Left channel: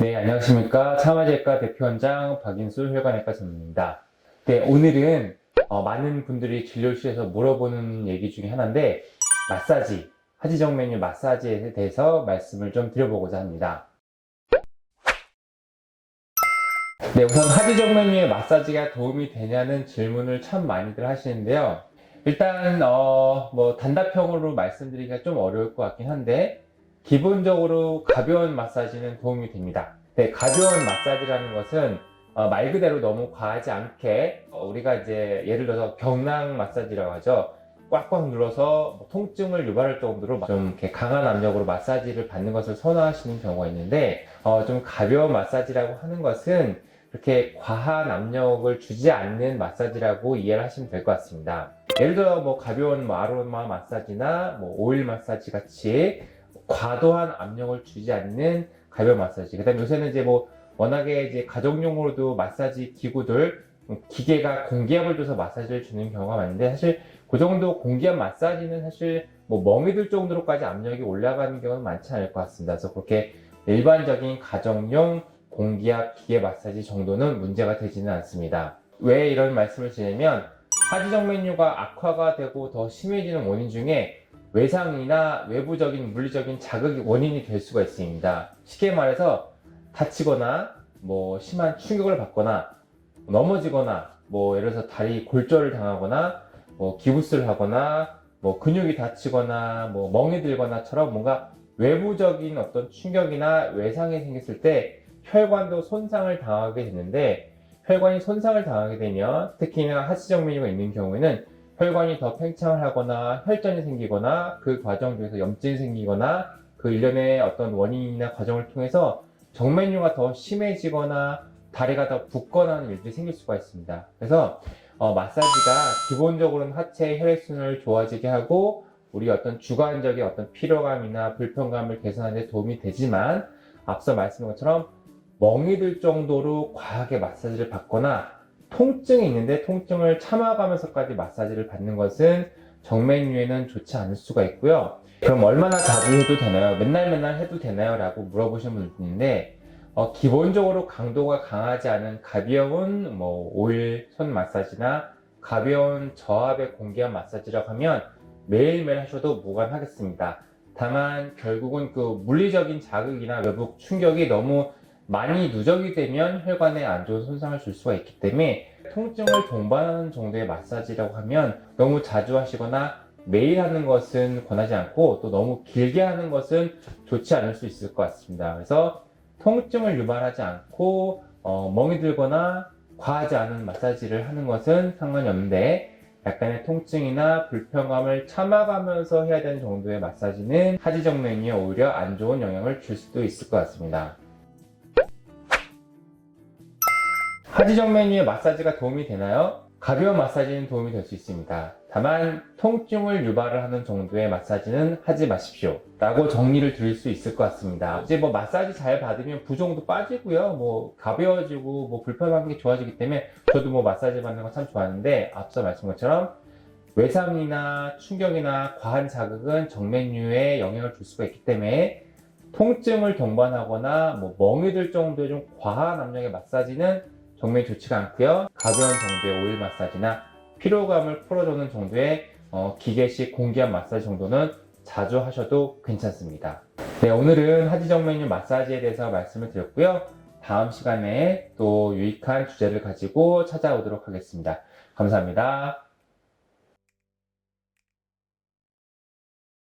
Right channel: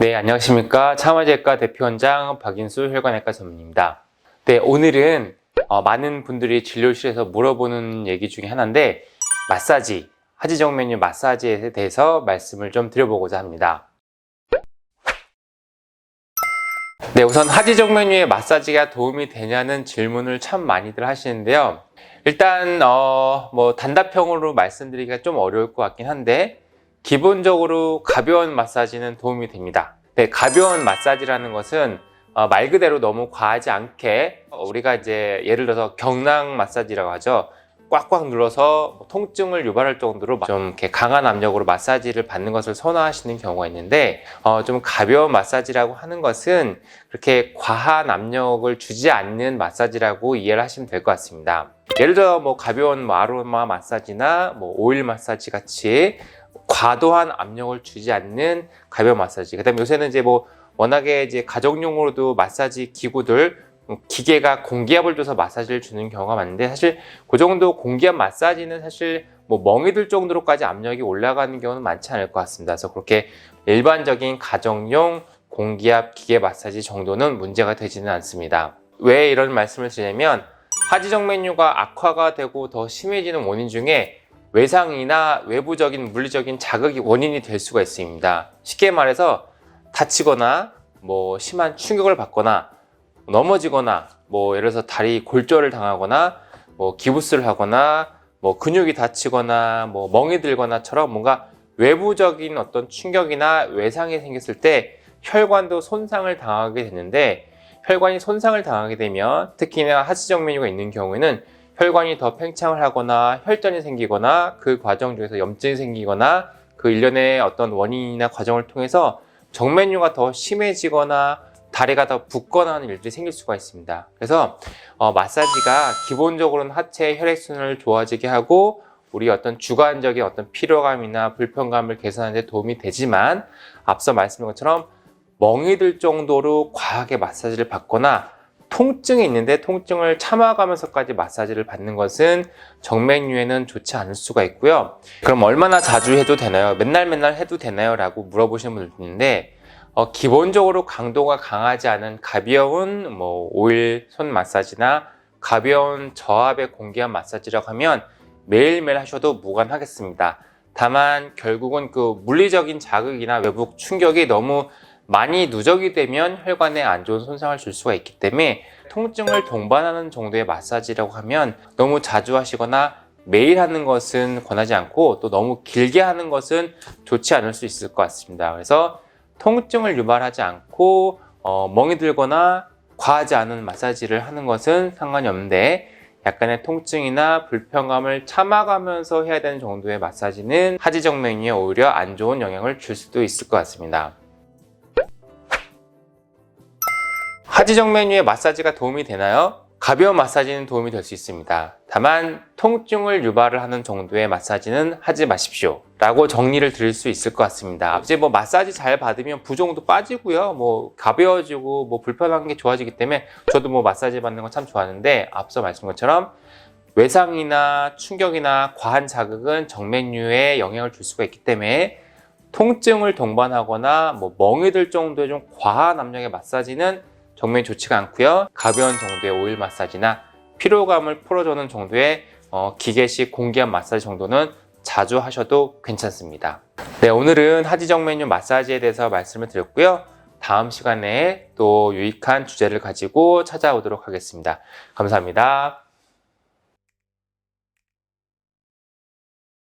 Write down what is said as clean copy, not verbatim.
네, 안녕하십니까. 참아제과 대표원장 박인수 혈관외과 전문의입니다. 네, 오늘은 많은 분들이 진료실에서 물어보는 얘기 중에 하나인데 마사지, 하지정 메뉴 마사지에 대해서 말씀을 좀 드려보고자 합니다. 네, 우선 하지정 메뉴의 마사지가 도움이 되냐는 질문을 참 많이들 하시는데요. 일단 단답형으로 말씀드리기가 좀 어려울 것 같긴 한데 기본적으로 가벼운 마사지는 도움이 됩니다. 네, 가벼운 마사지라는 것은 말 그대로 너무 과하지 않게 우리가 이제 예를 들어서 경락 마사지라고 하죠. 꽉꽉 눌러서 통증을 유발할 정도로 좀 이렇게 강한 압력으로 마사지를 받는 것을 선호하시는 경우가 있는데 좀 가벼운 마사지라고 하는 것은 그렇게 과한 압력을 주지 않는 마사지라고 이해를 하시면 될 것 같습니다. 예를 들어 가벼운 아로마 마사지나 오일 마사지 같이 과도한 압력을 주지 않는 가벼운 마사지. 그다음에 요새는 이제 워낙에 이제 가정용으로도 마사지 기구들 기계가 공기압을 줘서 마사지를 주는 경우가 많은데 사실 그 정도 공기압 마사지는 사실 멍이 들 정도로까지 압력이 올라가는 경우는 많지 않을 것 같습니다. 그래서 그렇게 일반적인 가정용 공기압 기계 마사지 정도는 문제가 되지는 않습니다. 왜 이런 말씀을 드리냐면 하지정 메뉴가 악화가 되고 더 심해지는 원인 중에 외상이나 외부적인 물리적인 자극이 원인이 될 수가 있습니다. 쉽게 말해서 다치거나 심한 충격을 받거나 넘어지거나 예를 들어서 다리 골절을 당하거나 기부스를 하거나 근육이 다치거나 멍이 들거나처럼 뭔가 외부적인 어떤 충격이나 외상이 생겼을 때 혈관도 손상을 당하게 되는데 혈관이 손상을 당하게 되면 특히나 하지정 메뉴가 있는 경우에는 혈관이 더 팽창을 하거나 혈전이 생기거나 그 과정 중에서 염증이 생기거나 그 일련의 어떤 원인이나 과정을 통해서 정메뉴가 더 심해지거나 다리가 더 붓거나 하는 일들이 생길 수가 있습니다. 그래서 마사지가 기본적으로는 하체 혈액순환을 좋아지게 하고 우리 어떤 주관적인 어떤 피로감이나 불편감을 개선하는 데 도움이 되지만 앞서 말씀드린 것처럼 멍이 들 정도로 과하게 마사지를 받거나 통증이 있는데 통증을 참아가면서까지 마사지를 받는 것은 정맥류에는 좋지 않을 수가 있고요. 그럼 얼마나 자주 해도 되나요? 맨날 해도 되나요? 라고 물어보시는 분들 있는데 기본적으로 강도가 강하지 않은 가벼운 오일 손 마사지나 가벼운 저압의 공기압 마사지라고 하면 매일매일 하셔도 무관하겠습니다. 다만 결국은 그 물리적인 자극이나 외부 충격이 너무 많이 누적이 되면 혈관에 안 좋은 손상을 줄 수가 있기 때문에 통증을 동반하는 정도의 마사지라고 하면 너무 자주 하시거나 매일 하는 것은 권하지 않고 또 너무 길게 하는 것은 좋지 않을 수 있을 것 같습니다. 그래서 통증을 유발하지 않고 멍이 들거나 과하지 않은 마사지를 하는 것은 상관이 없는데 약간의 통증이나 불편감을 참아가면서 해야 되는 정도의 마사지는 하지정 메뉴에 오히려 안 좋은 영향을 줄 수도 있을 것 같습니다. 하지정 메뉴의 마사지가 도움이 되나요? 가벼운 마사지는 도움이 될 수 있습니다. 다만 통증을 유발을 하는 정도의 마사지는 하지 마십시오 라고 정리를 드릴 수 있을 것 같습니다. 이제 마사지 잘 받으면 부종도 빠지고요, 가벼워지고 불편한 게 좋아지기 때문에 저도 마사지 받는 거 참 좋아하는데 앞서 말씀드린 것처럼 외상이나 충격이나 과한 자극은 정맥류에 영향을 줄 수가 있기 때문에 통증을 동반하거나 멍이 들 정도의 좀 과한 압력의 마사지는 정맥이 좋지가 않고요. 가벼운 정도의 오일 마사지나 피로감을 풀어주는 정도의 기계식 공기압 마사지 정도는 자주 하셔도 괜찮습니다. 네, 오늘은 하지정 메뉴 마사지에 대해서 말씀을 드렸고요. 다음 시간에 또 유익한 주제를 가지고 찾아오도록 하겠습니다. 감사합니다.